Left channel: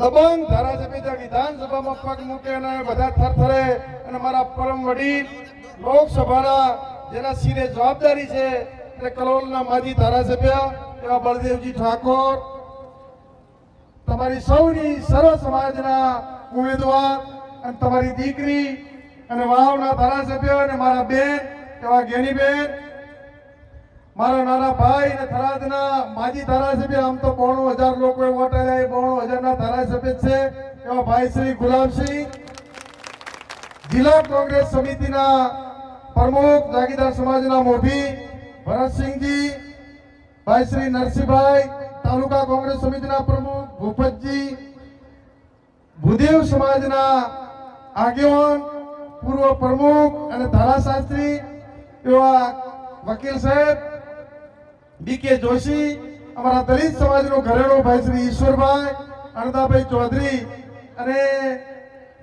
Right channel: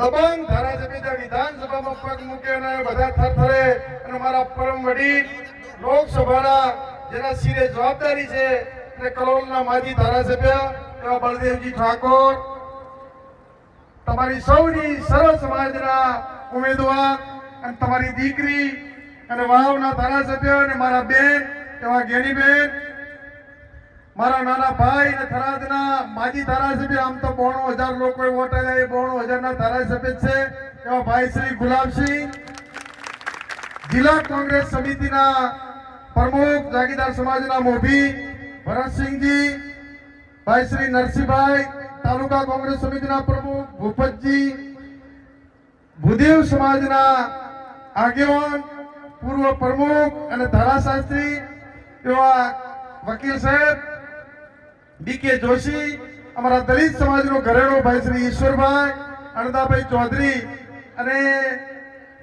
દબંગ ધારાસભ્ય વિધાનસભામાં પગ મૂકે અને બધા થરથરે અને મારા પરમ વડીલ લોકસભાના જેના શિરે જવાબદારી છે અને કલોલના માજી ધારાસભ્ય એવા બળદેવજી ઠાકોર, તમારી સૌની સર્વ સમાજના ઉમેદવાર અને તમારી દીકરી અને વાવના ધારાસભ્ય અને મારા બેન એવા ગેનીબેન મારા નાના ભાઈ અને થરાદના માજી ધારાસભ્ય, આમ તો બોણો હજાર લોકો વોટ આવ્યા એ બોણો હજારના ધારાસભ્ય છે. એવા ભાઈ શ્રી ગુલાબસિંહ. જિલ્લા કોંગ્રેસ સમિતિના પ્રમુખ જાગીદાર સમાજના મોભી, ભરતસિંહજી, ભાઈ શ્રી નરસિંહભાઈ, તાલુકા કોંગ્રેસ સમિતિના પ્રમુખ ભૂપતજી, ભૂદેવ સમાજના આગેવાન, પૂર્વ પ્રમુખ અને ધારાશાસ્ત્રી એવા વકીલ સાહેબ ડીકે જોશી અમારા દલિત સમાજનો ઘરેણો ભાઈ શ્રી ઈશ્વરભાઈ અણદાભાઈ ચૌધરી અને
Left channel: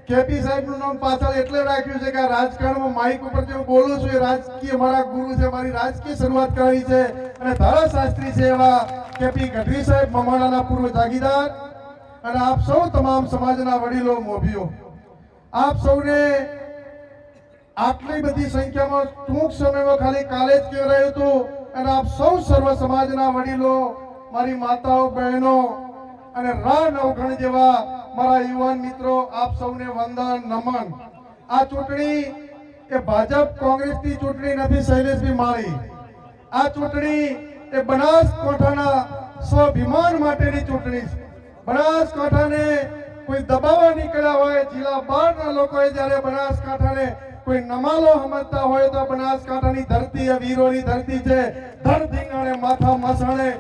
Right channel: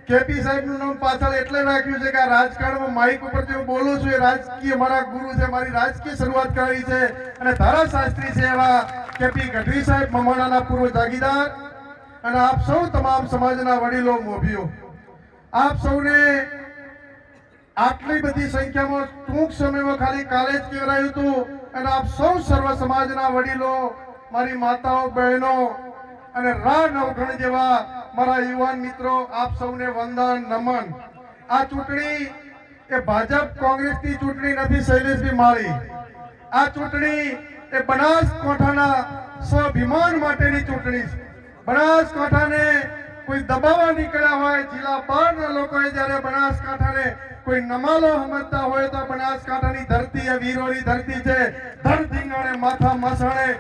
કેપી સાહેબનું નામ પાછળ એટલે રાખ્યું છે કે આ રાજકારણમાં માઇક ઉપર જે હું બોલું છું, એ રાજકીય મારા ગુરુ છે, મારી રાજકીય શરૂઆત કરાવી છે. અને ધારાશાસ્ત્રી છે એવા કેપી ગઢવી સાહેબ મમાણાના પૂર્વ જાગીદાર અને આપ સૌ તમામ સમાજના વડીલો, મોભીઓ, આપ સૌને આટલી બધી સંખ્યામાં ટૂંક સમયમાં ખાલી કાલે જ કહેવાયું હતું અને આપ સૌ સર્વ સમાજના વડીલો, મારી માતાઓ, બહેનો અને રા નવઘણ જેવા મારા યુવાન મિત્રો, આપ સૌને વંદન, નમન. આ ચૂંટણી એ ભાજપ કોંગ્રેસની ચૂંટણી નથી, શૈલેષભાઈ માળી. આ ચૂંટણી એ બનાસકાંઠાના સ્વાભિમાન માટેની ચૂંટણી છે. બનાસકાંઠાને કોઈ દબાવવા નીકળ્યા હોય, જિલ્લા બહારના લોકોએ જ્યારે બનાસકાંઠાને કોઈ નમાલો સમજતા હોય તો બનાસકાંઠાની ધરતી એ વીરોની ધરતી છે. ધન ધીંગાણે, માથા મસાણે.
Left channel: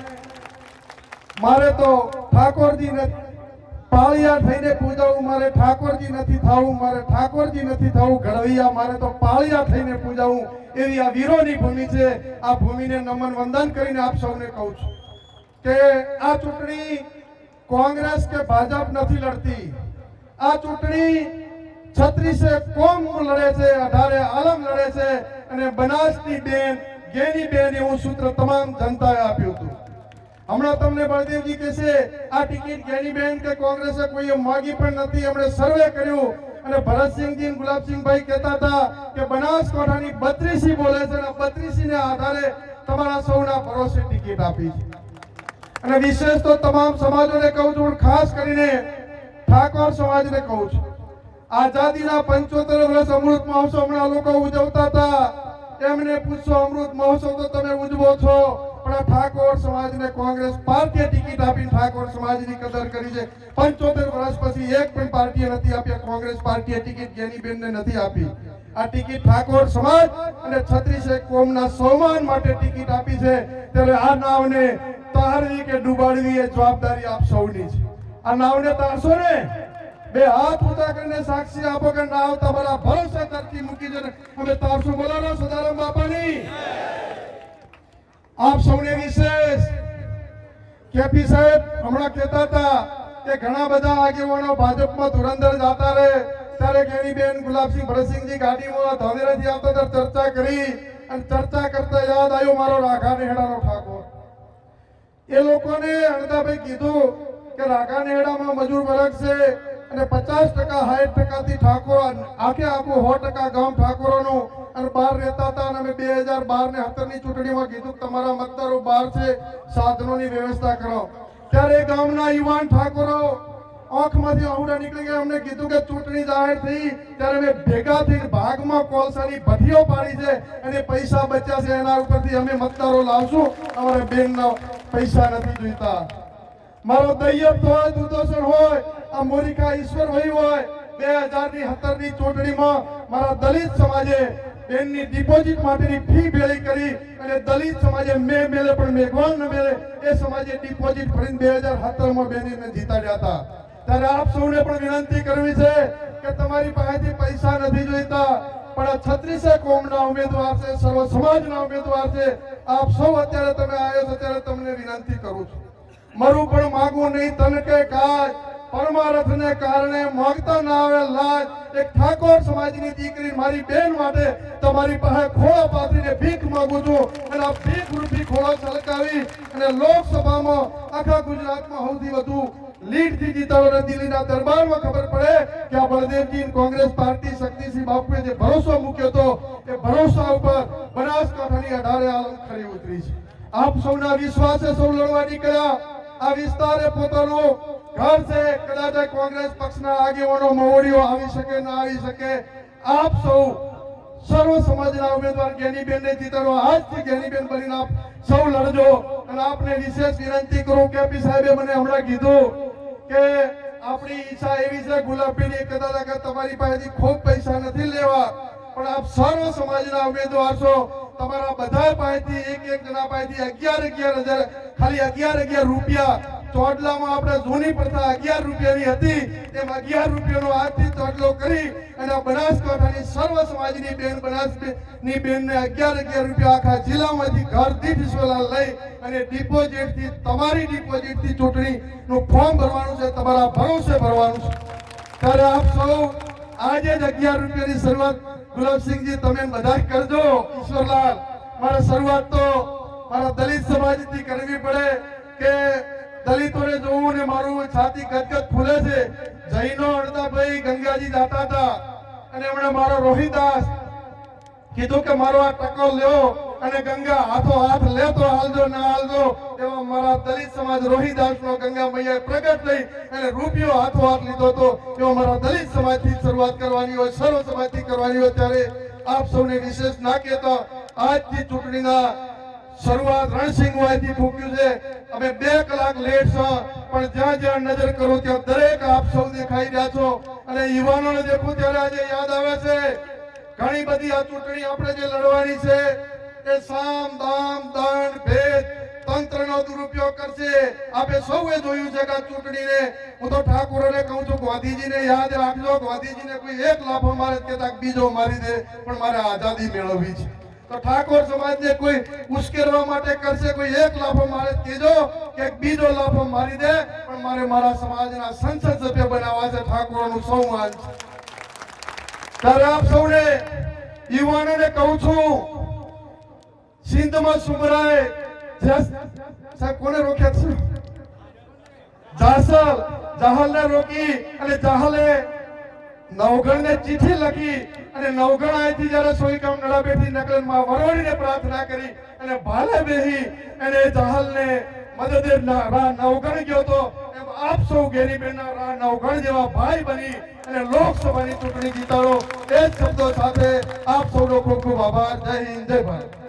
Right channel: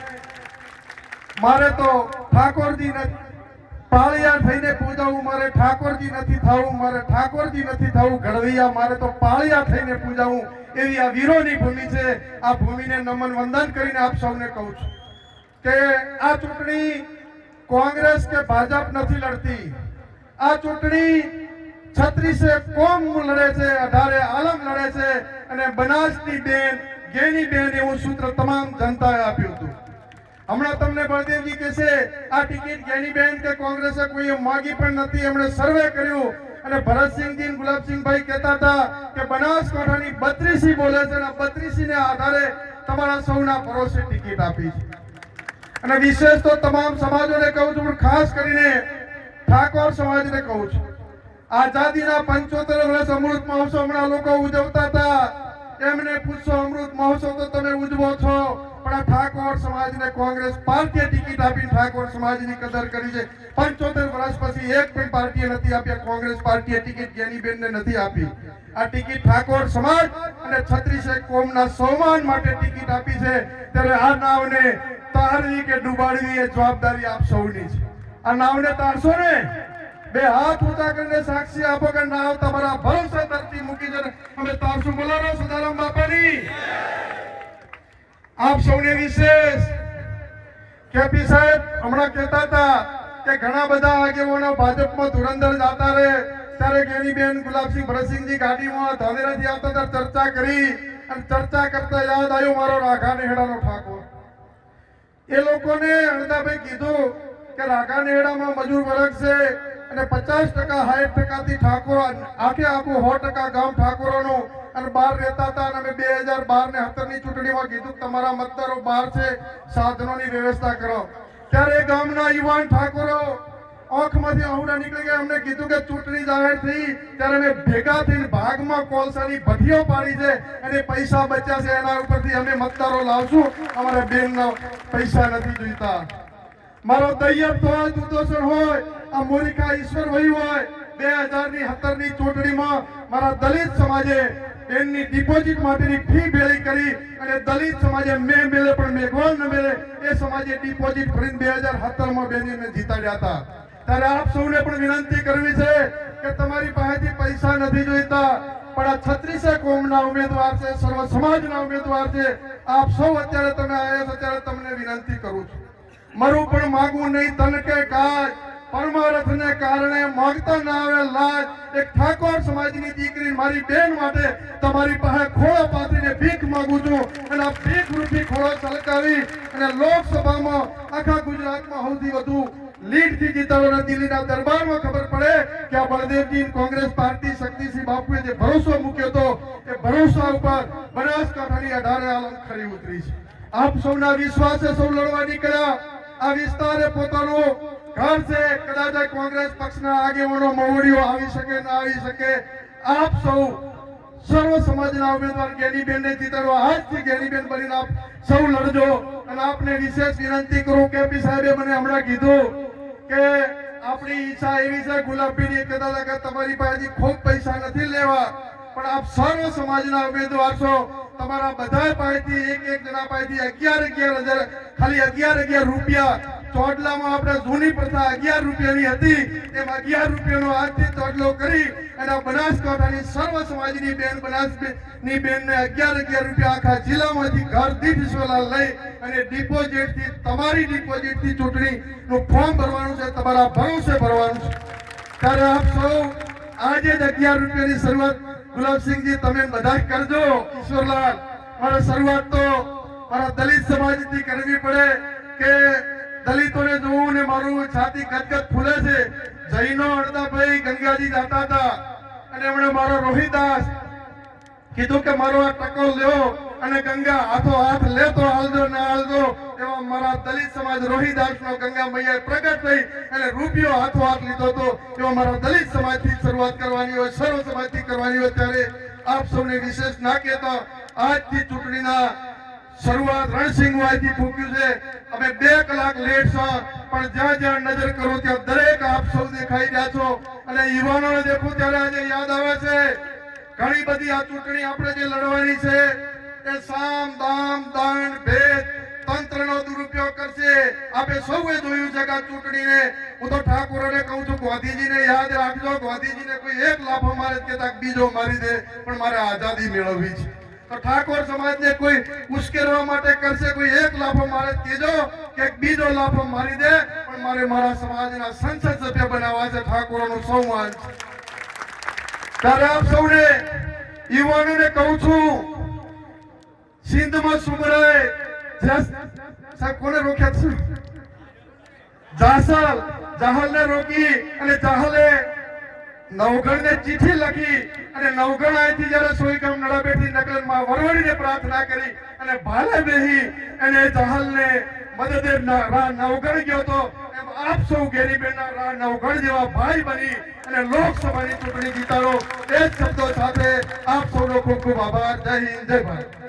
મારે તો ઠાકોરજી પાળિયા થઈને પૂજાવું, મારે ઠાકોરજી નથી થવું, મારે ઠાકોરજી નથી થવું. ઘડવૈયા, મારે તો પાળિયા થઈને પૂજાવું. એવી આ વીરોની ભૂમિ છે. આ ભૂમિને નમન વંદન કરીને આપ સૌને કહું છું કે આ ચૂંટણી કોંગ્રેસ કે ભાજપ નથી લડતી. આ ચૂંટણી છત્રીસે કોમ લડે છે, અઢારે આલમ લડે છે અને બનાસની બેન, ગેની બેન એવું સૂત્ર તમામ જનતાએ આપ્યું હતું. હમણાં તમને બળદેવજી છે આ ટિકિટ ગેની બેન કે કોંગ્રેસે કોઈ માગી પણ નથી. એમણે સર્વે કર્યું અને ભરતસિંહજી ગુલાબસિંહભાઈ કહેતા હતા કે બનાસકાંઠાની બત્રીસી બોલે છે અને બત્રીસી ને આધારે તમારા સૌના ભરોસે ટિકિટ આપી છે. અને વિશેષ તો તમામ સમાજોને કહું છું ખાસ કરીને ઠાકોર સમાજને કહું છું. આઝાદીના પંચોતેર વર્ષ અમૃત મહોત્સવ હમણાં લોકો ઉજવતા હતા. એમને પૂછશો, અમૃત મહોત્સવ તો તમે ઉજવો છો? પણ ઠાકોર સમાજને કોંગ્રેસ પાર્ટીએ ટિકિટ આપીને ઠાકોર સમાજની કદર કરી છે. પંચોતેર વર્ષ પછી એક પણ પાર્ટીએ નથી આપી કોંગ્રેસ પાર્ટીએ ટિકિટ ગેનીબેનને નથી આપી. આ ટિકિટ ઠાકોર સમાજ અને છત્રીસે કોમના સન્માન માટે ટિકિટ આપી છે. ત્યારે આ નાવને તારવી કે ડૂબાડવી એ જવાબદારી આપ સૌની છે. આ નાવને તારશો ને? બે હાથ ઊંચા કરીને સાક્ષી આપો કે નાવ તમારા ભરોસા ધરતી મૂકી છે અમે તારશું બોલાવો સદારામ બાપાની. આપ સૌને વિશેષ કેપી સાહેબ હમણાં કહેતા હતા કે ઘણા બધા આગેવાનો ભાજપમાં ધુરંધર જાતા રહે. ત્યારે ગેનીબેન ગુલાબસિંહ ભરતસિંહજી ગાડીમાં ધાનેરાથી આવતા ત્યારે ચર્ચા કરી અને ચર્ચા કરતા યાદ આવ્યો મારો રાઘા હેડાનો ઠાકોર. એ લોકોને અણતાભાઈ કીધું કે રાઘા નેહડામાં મજૂર વર્ગ છે અને પચાસ ટકા, સાઠ ટકાથી ઠાકોર આખે આખું સો ટકા ગામ ઠાકોરોનું અને બહાર રહેતા હતા અને અમે બે હજાર બાર ને સત્તરની ચૂંટણીમાં કીધું તમારા મતદારો બહાર છે, સાધનોની વ્યવસ્થા કરો. ત્યારે ગામના યુવાન ઠાકોરો આંખમાંથી આવડા નીકળી ગયા. અમને કીધું કે ચૂંટણી જાહેર થઈ, ત્યારે અમે ભેગા થઈને ભાગમાં કોલસાની ભઠીઓ પાડી છે. અને પૈસા બચ્યા છે. એના ઉપરથી અમે મતદારો લાવશું. અમારા બેનના પૈસા નથી જોઈતા. મારો દૈયબ તો દુર્દર્શન હોય. આ મોરિકા ઈશ્વરભાઈ હોય. બે હજારની સત્તરની ચૂંટણીમાં મારા દલિત સમાજે બેનની ડિપોઝિટ માટેની ફી ભેળી કરી અને દલિત સમાજે મેં મેલે પણ મેઘવાલ ન મેલે. એ સમાજે ડિપોઝિટ ભરીને બે હજાર સત્તરમાં બેનીને જીતાડ્યા હતા. આપ સૌને પણ વિનંતી કરવી છે કે તમારી પાસેથી પૈસા નથી જોઈતા, પણ આ છત્રીસે કોમના ઉમેદવાર છે સમાજના ઉમેદવાર છે. આપ સૌ અત્યારે તમે આવ્યા અત્યારે તમને વિનંતી કરું છું. મારું પણ માગવું નહીં, તન કે કાજ પરમાર્થને કારણે માંગતા ના આવે લાજ એક ઠાકોર સમાજની દીકરી મારી બેન માટે તમારી પાસે ખોળો પાથરીને ભીખ માંગુ છું. અને ભીખ રૂપી ખોળો સળકાવી અને લોકસભામાં આખા ગુજરાતમાં સૌથી વધુ કોંગ્રેસ પાર્ટી શક્તિસિંહ ભરોસો મૂક્યો હતો એ ભરોસા ઉપર બનાસકાંઠાની અઢારે આલમ આપ સૌના વિશ્વાસે સૌ લડવા નીકળ્યા. આ વિસ્તારે પોતાનું ઘર છે, કદાચ કોંગ્રેસ પક્ષના આગેવાનો મવડીઓ આવી શકે, ના આવી શકે, આપ સૌ સર્વ સમાજના ઉમેદવાર જ્ઞાનીબેન ને જીતાડવા આજથી જ્ઞાનીબેન બનીને આપ સૌ લડજો અને આપને વિશેષ વિનંતી કરું કે પી સાહેબે મને હમણાં કીધું કે આપણી ઈચ્છા એવી છે, ગુલાબીની કદાચ કે તમારી પાસેથી ખૂબ પૈસા નથી લેવા, પણ આપ સર્વ સમાજના ઉમેદવાર છો. તમારા બધા પાસેથી એક એક જણા પાસેથી અગિયાર અગિયાર હજાર, ખાલી અગિયાર અગિયાર રૂપિયા ચોટલામાં આપણે જૂની પ્રથા અગિયાર રૂપિયાની હતી. એમ અગિયાર રૂપિયાનો આજથી ચોટલો કરી અને બનાસકાંઠાની સર્વ સમાજની બેન, બનાસની બેનને અગિયાર અગિયાર રૂપિયા આખા જિલ્લામાંથી ઘર દીઠ ઈશ્વરલાલ લઈ અને ડિપોઝિટથી, તમારી ડિપોઝિટથી ચૂંટણીનું ફોર્મ ભરવાનું છે, તમારા ભરોસે ભરવાનું છે. ત્યારે આપ સૌ આજે જ અગિયાર રૂપિયાની શરૂઆત, ગુલાબસિંહજી, તમે બધા કરજો, ઈશ્વરલાલ. મારે શરૂઆત તો મારા દલિત સમાજથી કરવી પડે કે દલિતોને જોવું ને મારું છાતી ગદગદ ફૂલે છે. જૈનો અડદાભાઈ ગંગાજી જાતા હતા. અને એમણે મારો રોહિદાસ કીધું કે મારો આ ટકો લ્યો અને ગંગા હાથો હાથ લેતો હાલજો, ના હાલજો. એવા મારા દલિત સમાજ રોહિદાસ નો ગંગા મૈયા પ્રગટ થઈ અને રૂપિયો હાથો હાથ લીધો હતો. એવો મારા દલિત સમાજથી શરૂઆત કરવાની હોય, સર્વ સમાજથી કરવાની હોય ત્યારે આપ સૌને વિશેષ ના કહેતો, આજથી ચૂંટણીના શરૂઆત રણસિંહવાયથી થૂક્યું છે. અમે બે કલાક લેટ છો, પણ જ્યાં જ્યાં નજર કરો ત્યાં દરેક આપ સૌ દેખાઈ રહ્યા છો. અને યુવાનોને દેખું ત્યારે આજે યાદ આવે છે. ઘણી બધી આ ચૂંટણી આપણે જે લડવાની છે, એ સામ, દામ, દંડ, ભેદ તંત્રનો દુરુપયોગ કરશે. આપણે સૌએ જોયું છે કે આ ચૂંટણીને. હું તો ઠાકોરોને કહું છું, ગાંધીજીને યાદ રાખજો. ગાંધીજીને કોઈ એક લાભ મારે કે બીજો મારી દે, પણ મારે આઝાદી મેળવવી છે. તો ઠાકોર સમાજને કોઈ ઉશ્કેરવા માટે કરશે, કોઈ એક લાફો મારે ત્રીજો કે બીજો લાફો મારી દે, પણ મારે મારા સમાજના સંસદ સભ્ય બનાવવા છે ઠાકોરનું સૌ માન ત્યારે આપ સૌને યુવાનોને કહું છું, સિંધમાં સુમરાય કોને રોક્યા છે? જાસલ, જાહલને રોકી અને જાહલે નવગણને ચિઠ્ઠી લખી અને નવગણ અહીંથી જ્યારે સોયકામ નડાબેઠી નગરમાં વરવડીને પ્રાર્થના કરી અને ભાલે બેહી અને જહાલને મદદે નવગણ ગયો તો આપ સૌ ગેરીબેનના રા નવગણ જેવા ભાઈ બની અને લોકસભાની ચૂંટણી જીતાડો. એ જ શબ્દો સાથે આપ સૌ લોકો ખૂબ આભાર. જય હિન્દ, જય ભારત.